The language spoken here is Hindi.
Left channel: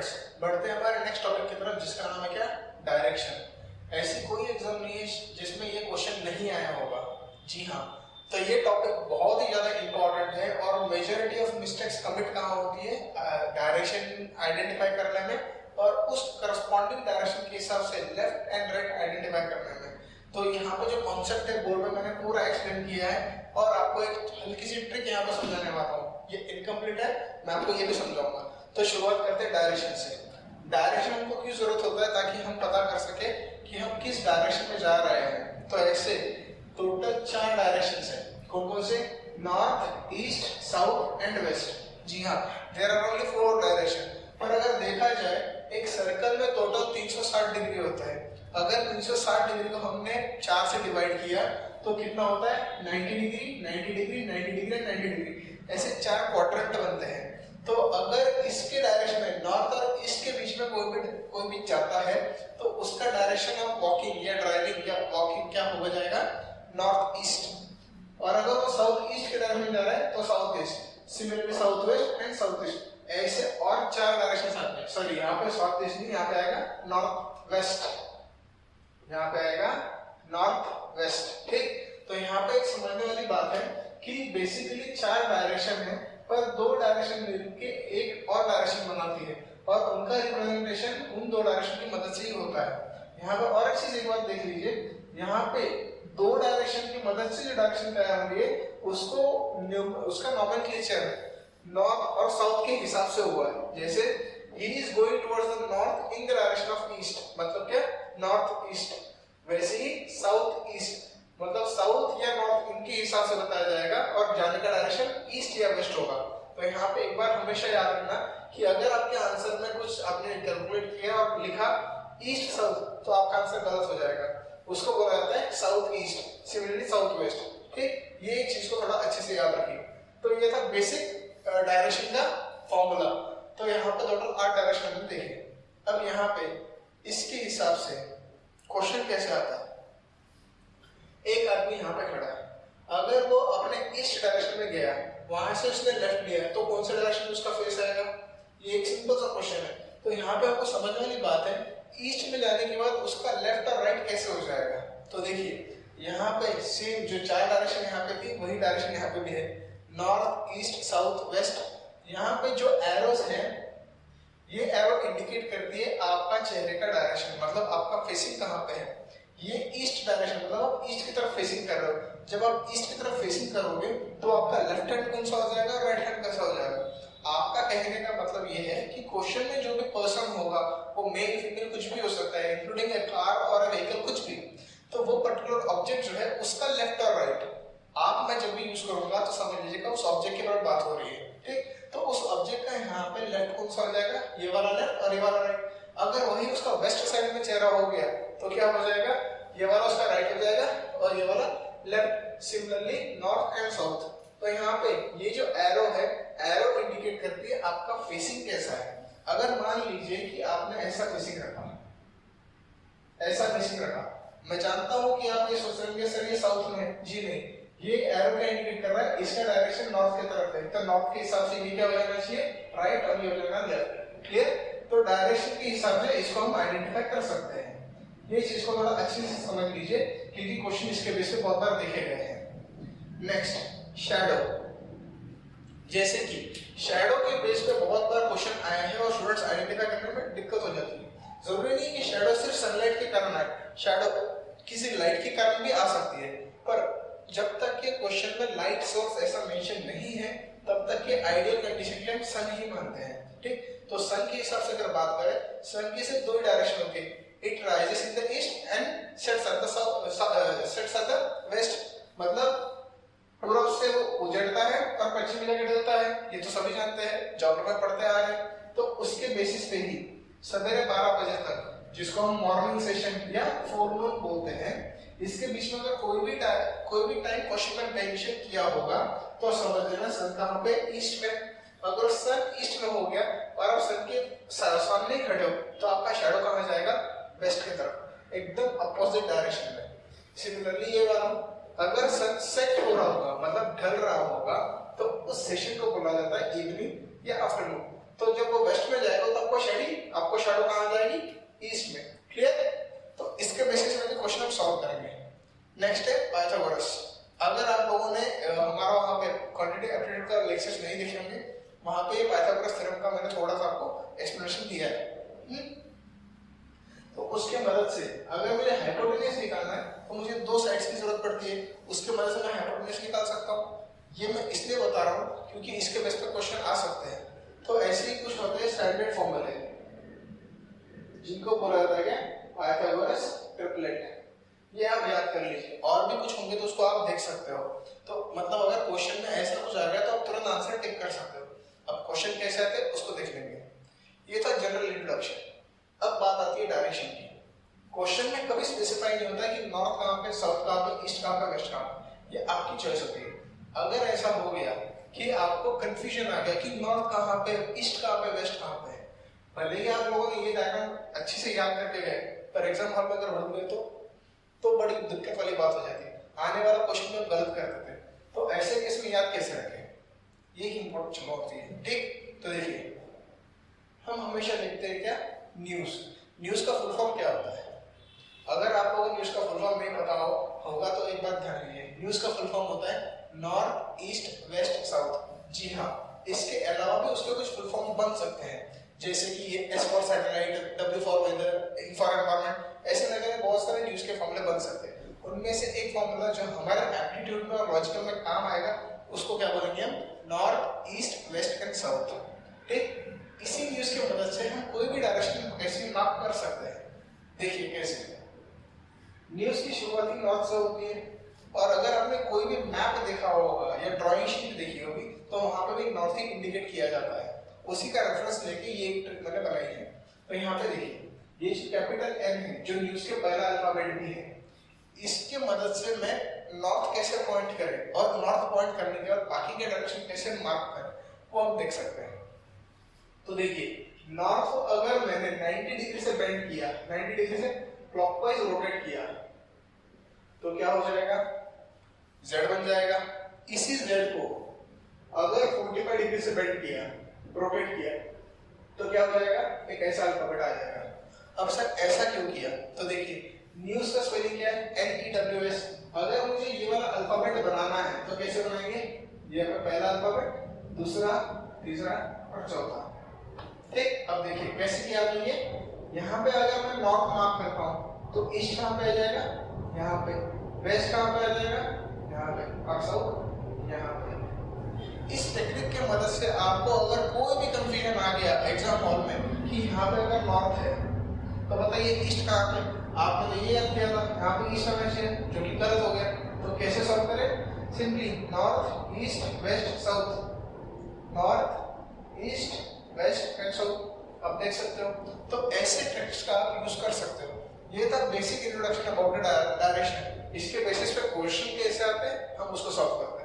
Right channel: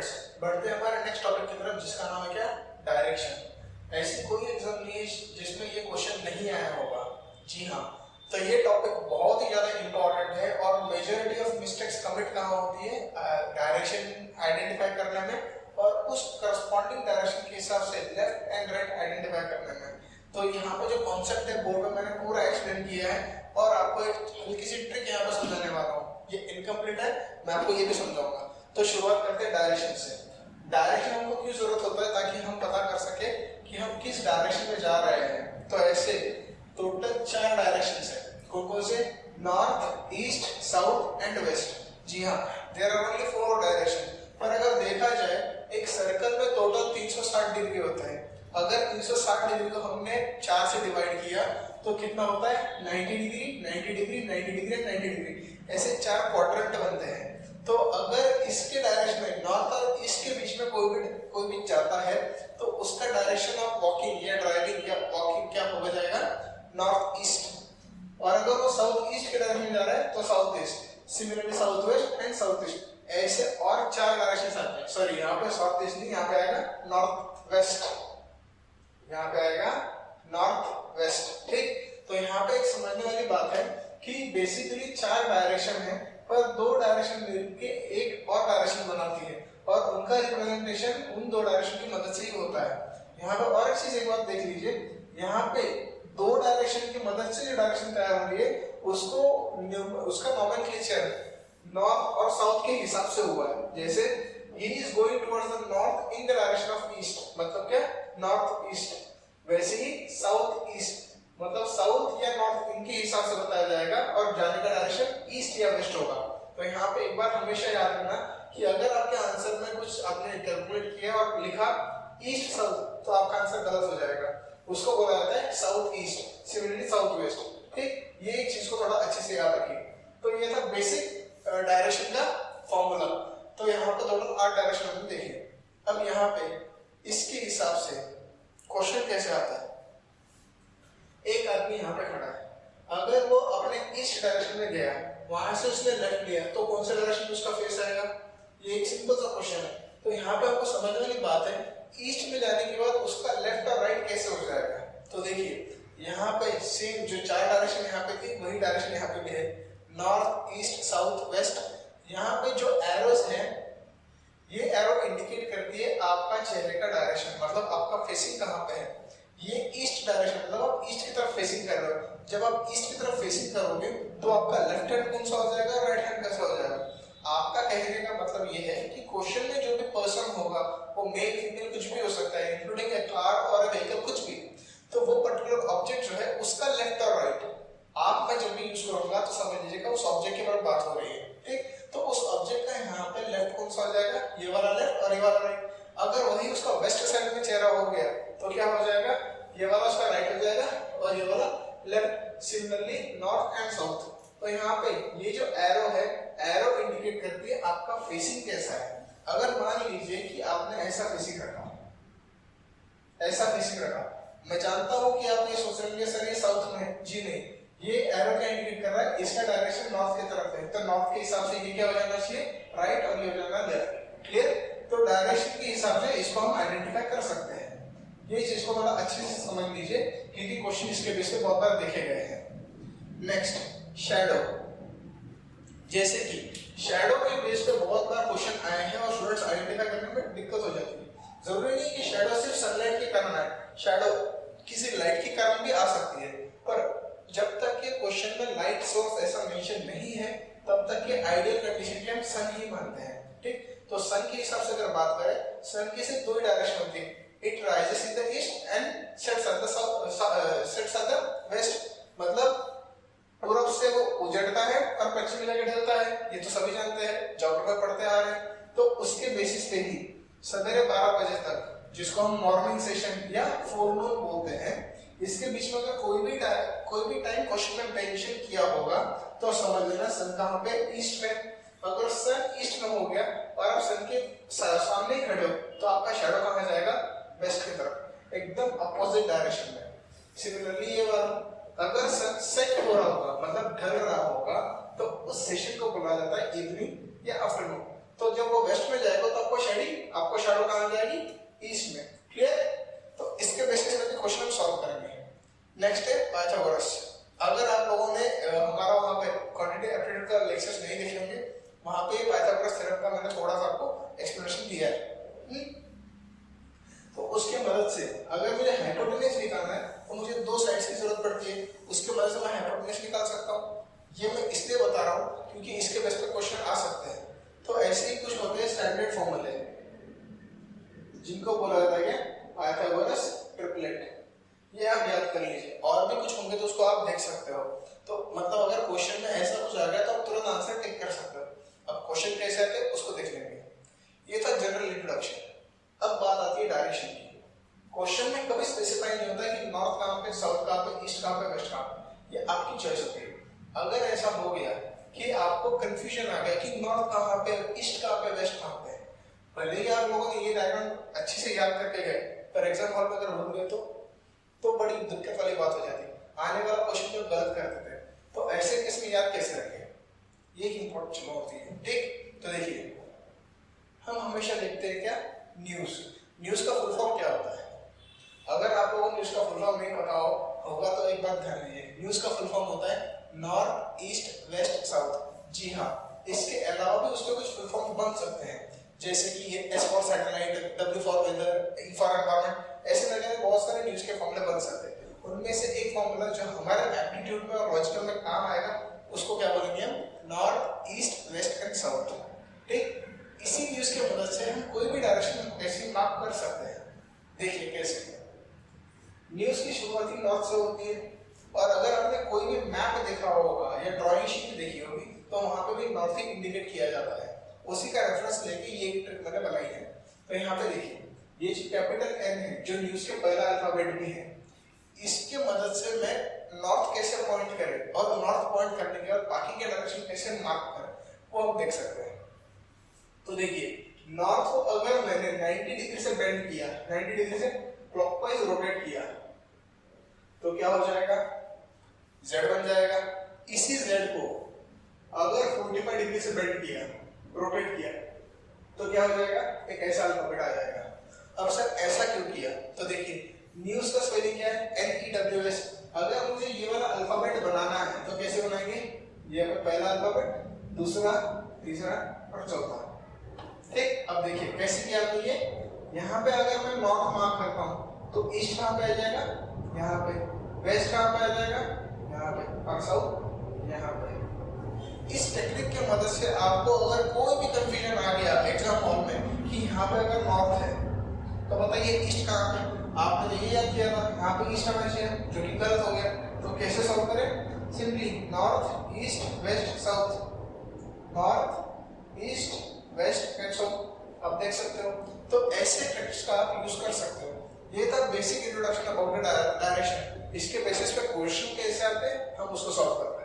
स्टूडेंट्स, बढ़ते हैं हमारे नेक्स्ट टॉपिक की तरफ जिसका नाम है क्या, डायरेक्शन। ऐसी कोई एग्जाम नहीं है जिसमें ये क्वेश्चन नहीं आया होगा। जी हाँ, तो ये टॉपिक बहुत ही ज्यादा इंपॉर्टेंट है और मेजॉरिटी ऑफ मिस्टेक्स कमिट कहाँ होती है, डायरेक्शन आइडेंटिफाई करने में और उस करस्पॉन्डिंग डायरेक्शन के हिसाब से लेफ्ट एंड राइट आइडेंटिफाई करने में। तो यहाँ पे जो कॉन्सेप्ट है बोर्ड में मैंने पूरा एक्सप्लेन किया है और आपको एक हल्की सी ट्रिक यहाँ पे समझाने वाला हूँ। ये इनकम्प्लीट है, मैं आपको ये भी समझाऊंगा। तो शुरुआत करते हैं डायरेक्शन से। डायरेक्शन हमको क्यों जरूरत होता है, ताकि हम पता कर सके कि हम किस डायरेक्शन में जा रहे हैं। तो ऐसे टोटल 4 डायरेक्शन है। कौन कौन से? North, east, south and west. जी हाँ, देयर आर ओनली 4 डायरेक्शन। पर अगर देखा जाए एक सर्कल में टोटल 360 डिग्री होता है। अगर 360 डिग्री को हमने 4 से डिवाइड किया तो कितना होता है? 90 डिग्री, 90 डिग्री, 90 डिग्री, 90 डिग्री, ऐसे 4 क्वाड्रेंट बनते हैं। तो अगर इसके डायरेक्शन में नॉर्थ और ईस्ट के बीच में कोई भी जाता है तो उसका डायरेक्शन ऑफ वॉकिंग या ड्राइविंग या वॉकिंग क्या हो जाएगा? North east. और अगर वो साउथ ईस्ट के डायरेक्शन में जा रहा है तो south east. Similarly south west and south east, ऐसे और 4 डायरेक्शन आते हैं। सॉरी, यहाँ पे साउथ ईस्ट नहीं, यहाँ पे आएगा नॉर्थ वेस्ट, यहाँ पे आएगा नॉर्थ वेस्ट। ठीक, तो यहाँ पे एक समझने वाली बात है कि बेसिकली 4 डायरेक्शन है पर 2 डायरेक्शन मिलके एक और डायरेक्शन बनाती है और उनका रिप्रेजेंटेशन उन 2 डायरेक्शन की मदद से ही होता है। यहाँ पे और एक चीज एक बात देख लीजिए, यहाँ पे 2 डायरेक्शन की मदद से जो डायरेक्शन तैयार होंगे उसका नोमेनक्लेचर नॉर्थ और साउथ के हिसाब से हुआ है। जैसे he is going towards the north in the direction of east, मतलब क्या? North east. वैसे ही साउथ ईस्ट मतलब साउथ या नॉर्थ इनके हिसाब से बताया जाएगा और जाने का डायरेक्शन ईस्ट या वेस्ट होगा। तो यहाँ पे एक बार हमेशा याद रखना कि अगर आपके आंसर में कुछ आपने कैलकुलेट किया और लिखा ईस्ट साउथ तो आपका आंसर गलत हो जाएगा। उसको बोला जाता है south east, similarly south west. ठीक, ये एक चीज को थोड़ा अच्छे से याद रखिए। तो ये था बेसिक डायरेक्शन का फॉर्मूला। तो यहाँ पे टोटल 8 डायरेक्शन हमने देखे। अब यहाँ पे इसके हिसाब से क्वेश्चन कैसे आता है? एक आदमी यहाँ पे खड़ा है, अगर वो अपने ईस्ट डायरेक्शन में गया, वहां से उसने लेफ्ट लिया तो कौन सा डायरेक्शन में उसका फेस आएगा? ये एक सिंपल सा क्वेश्चन है। तो यहाँ पे आपको समझने वाली बात है, ईस्ट में जाने के बाद उसका लेफ्ट और राइट कैसे हो जाएगा। तो देखिए यहाँ पे सेम जो 4 डायरेक्शन यहाँ पे थी वही डायरेक्शन यहाँ पे भी है, नॉर्थ, ईस्ट, साउथ, वेस्ट। यहाँ पे जो एरोज हैं ये एरो इंडिकेट करती है आपका चेहरे का डायरेक्शन, मतलब आपका फेसिंग कहाँ पे है। ये ईस्ट डायरेक्शन मतलब आप ईस्ट की तरफ फेसिंग कर रहे हो। जब आप ईस्ट की तरफ फेसिंग करोगे तो आपका लेफ्ट हैंड कौन सा हो जाएगा, राइट हैंड कैसा हो जाएगा। आपका कहने का मतलब ये है कि क्वेश्चन में जो भी पर्सन होगा वो मेल फीमेल कुछ भी हो सकता है, इंक्लूडिंग ए कार और ए व्हीकल, कुछ भी। तो वो पर्टिकुलर ऑब्जेक्ट जो है उसका लेफ्ट और राइट आप मैं जब भी यूज करूंगा तो समझ लीजिएगा उस ऑब्जेक्ट के बारे में बात हो रही है। ठीक, तो उस ऑब्जेक्ट का यहाँ पे लेफ्ट कौन सा हो जाएगा? ये वाला लेफ्ट और ये वाला राइट। अगर वही उसका वेस्ट साइड में चेहरा हो गया तो क्या हो जाएगा? ये वाला उसका राइट हो जाएगा और ये वाला left. Similarly north and south. तो यहाँ पे ये जो एरो है, एरो इंडिकेट करती है आपका फेसिंग कैसा है। अगर मान लीजिए कि आपने ऐसा फेसिंग रखा, ऐसा फेसिंग रखा, मैं जानता हूँ कि आप ये सोच रहे हैं सर ये साउथ में है। जी नहीं, ये एरो क्या इंडिकेट कर रहा है? इसका डायरेक्शन नॉर्थ की तरफ है, तो नॉर्थ के हिसाब से ये क्या हो जाना चाहिए? राइट, और ये हो जाना लेफ्ट। क्लियर? तो डायरेक्शन के हिसाब से इसको हम आइडेंटिफाई कर सकते हैं। ये चीज को थोड़ा अच्छे से समझ लीजिए क्योंकि क्वेश्चन इसके बेस पे बहुत बार देखे गए हैं। Next, shadow. जैसे कि शैडो के बेस पे बहुत बार क्वेश्चन आए हैं और स्टूडेंट्स आइडेंटिफाई करने में दिक्कत हो जाती है। जरूरी नहीं कि शैडो सिर्फ सनलाइट के कारण आए, शैडो किसी लाइट के कारण भी आ सकती है। पर जब तक के क्वेश्चन में लाइट सोर्स ऐसा मेंशन नहीं है तब तक के आइडियल कंडीशन के हम सन ही मानते हैं। ठीक, तो सन के हिसाब से अगर बात करें, सन की सिर्फ 2 ही डायरेक्शन होती है, it rises in the east and sets at the south, sets at the west. मतलब पूरब से वो उजड़ता है और पश्चिम में जाकर ढलता है, ये तो सभी जानते हैं, ज्योग्राफी में पढ़ते आ रहे हैं। तो उसके बेसिस पे ही सवेरे 12 बजे तक, जिसको हम मॉर्निंग सेशन या फोरनून बोलते हैं, इसके बीच में अगर कोई भी टाइम क्वेश्चन में मेंशन किया होगा तो समझ लेना सन कहाँ पे? ईस्ट में। अगर सन ईस्ट में हो गया और आप सन के सामने ही खड़े हो तो आपका शैडो कहाँ जाएगा? वेस्ट की तरफ, एकदम अपोजिट डायरेक्शन में। सिमिलरली ये वाला, अगर सन सेट हो रहा होगा मतलब ढल रहा होगा तो उस सेशन को बोला जाता है इवनिंग या आफ्टरनून। तो जब वो वेस्ट में जाएगा तो आपको शैडो कहाँ आ जाएगी, ईस्ट में। क्लियर? तो इसके बेसिस पे क्वेश्चन हम सॉल्व करेंगे। नेक्स्ट है पाइथागोरस। अगर आप लोगों ने हमारा वहाँ पे क्वांटिटी एप्टीट्यूड का लेक्चर्स नहीं देखे होंगे, वहाँ पे पाइथागोरस थ्योरम का मैंने थोड़ा सा आपको एक्सप्लेनेशन दिया है। तो उसके मदद से अगर मुझे हाइपोटेन्यूज निकालना है तो मुझे दो साइड्स की जरूरत पड़ती है, उसके मदद से मैं हाइपोटेन्यूज निकाल सकता हूँ। ये मैं इसलिए बता रहा हूँ क्योंकि इसके बेस पे क्वेश्चन आ सकते हैं। तो ऐसे ही कुछ होते हैं स्टैंडर्ड फॉर्मूले, जिनको बोला जाता है क्या, पाइथागोरस ट्रिपलेट। ये आप याद कर लीजिए, और भी कुछ होंगे तो उसको आप देख सकते हो। तो मतलब अगर क्वेश्चन में ऐसा कुछ आ गया तो आप तुरंत आंसर टिक कर सकते हो। अब क्वेश्चन कैसे आते हैं उसको देख लेंगे। ये था जनरल इंट्रोडक्शन। अब बात आती है डायरेक्शन की। क्वेश्चन में कभी स्पेसिफाई नहीं होता कि नॉर्थ कहाँ पे, साउथ कहाँ पे, ईस्ट कहाँ पे, वेस्ट कहाँ पे। ये आपकी चॉइस होती है। अगर ऐसा हो गया कि आपको कंफ्यूजन आ गया कि नॉर्थ कहाँ पे, ईस्ट कहाँ पे, वेस्ट कहाँ पे, भले ही आप लोगों ने ये डायग्राम अच्छे से याद करके गए, पर एग्जाम हॉल में अगर भूल गए तो बड़ी दिक्कत वाली बात हो जाती है। आने वाला क्वेश्चन में गलत कर देते हैं। तो ऐसे केस में याद कैसे रखें, ये इंपॉर्टेंट चीज होती है। ठीक, तो देखिए हम हमेशा देखते हैं क्या, न्यूज का फुल फॉर्म क्या होता है। अगर आप लोगों को न्यूज का फुल फॉर्म नहीं पता होगा तो एक बात ध्यान दीजिए, न्यूज का फुल फॉर्म होता है नॉर्थ, ईस्ट, वेस्ट, साउथ। जी हाँ, इसके अलावा भी उसके कुछ फुल फॉर्म बन सकते हैं, जैसे कि ये S for satellite, W for weather, E for environment, ऐसे लगे बहुत सारे न्यूज के फॉर्मूले बन सकते हैं। उनमें से एक फॉर्मूला जो हमारे एप्टीट्यूड में और लॉजिकल में काम आएगा उसको क्या बोलेंगे हम, north, east, west and south. ठीक, इसी न्यूज की मदद से हम कोई भी डायरेक्शन ऐसी मार्क कर सकते हैं। देखिए कैसे, न्यूज की शुरुआत ही नॉर्थ से होती है, और अगर आपने कोई भी मैप देखा होगा या ड्राइंग शीट देखी होगी तो वहां पे भी नॉर्थ ही इंडिकेट किया जाता है। उसी का रेफरेंस लेके ये ट्रिक मैंने बनाई है। तो यहाँ पे देखिए, ये जो कैपिटल एन है जो न्यूज के पहला अल्फाबेट भी है, इसके मदद से मैं नॉर्थ कैसे पॉइंट करें और नॉर्थ पॉइंट करने के बाद बाकी के डायरेक्शन कैसे मार्क करें वो आप देख सकते हैं। तो देखिए, नॉर्थ को अगर मैंने 90 डिग्री से बेंड किया, 90 डिग्री से क्लॉकवाइज रोटेट किया, तो क्या हो जाएगा, z बन जाएगा। इसी z को अगर 45 डिग्री से बेंड किया, रोटेट किया, तो क्या हो जाएगा, एक ऐसा अल्फाबेट आ जाएगा। अब सर ऐसा क्यों किया, तो देखिए न्यूज का स्पेलिंग क्या है, NEWS। अगर मुझे ये वाला अल्फाबेट बनाना है तो कैसे बनाएंगे, ये पहला अल्फाबेट, दूसरा, तीसरा और चौथा। ठीक, अब देखिए कैसे किया तो ये, यहाँ पे अगर मैं नॉर्थ मार्क करता हूँ तो ईस्ट कहाँ पे आ जाएगा, यहाँ पे, वेस्ट कहाँ पे आ जाएगा, यहाँ पे, और साउथ यहाँ पे। इस टेक्निक के मदद से आपको अगर कोई भी कंफ्यूजन आ गया एग्जाम हॉल में कि यहाँ पे अगर नॉर्थ है तो बताइए ईस्ट कहाँ पे, आपने तो ये याद किया था यहाँ पे ईस्ट होना चाहिए, जो कि गलत हो गया। तो कैसे सॉल्व करें, simply north, east, west, south, north, east, west and south. आप देख सकते हो, तो ऐसे ट्रिक्स का आप यूज कर सकते हो। ये था बेसिक इंट्रोडक्शन अबाउट डायरेक्शन। इसके बेसिस पे क्वेश्चन कैसे आते हैं हम उसको सॉल्व करते हैं।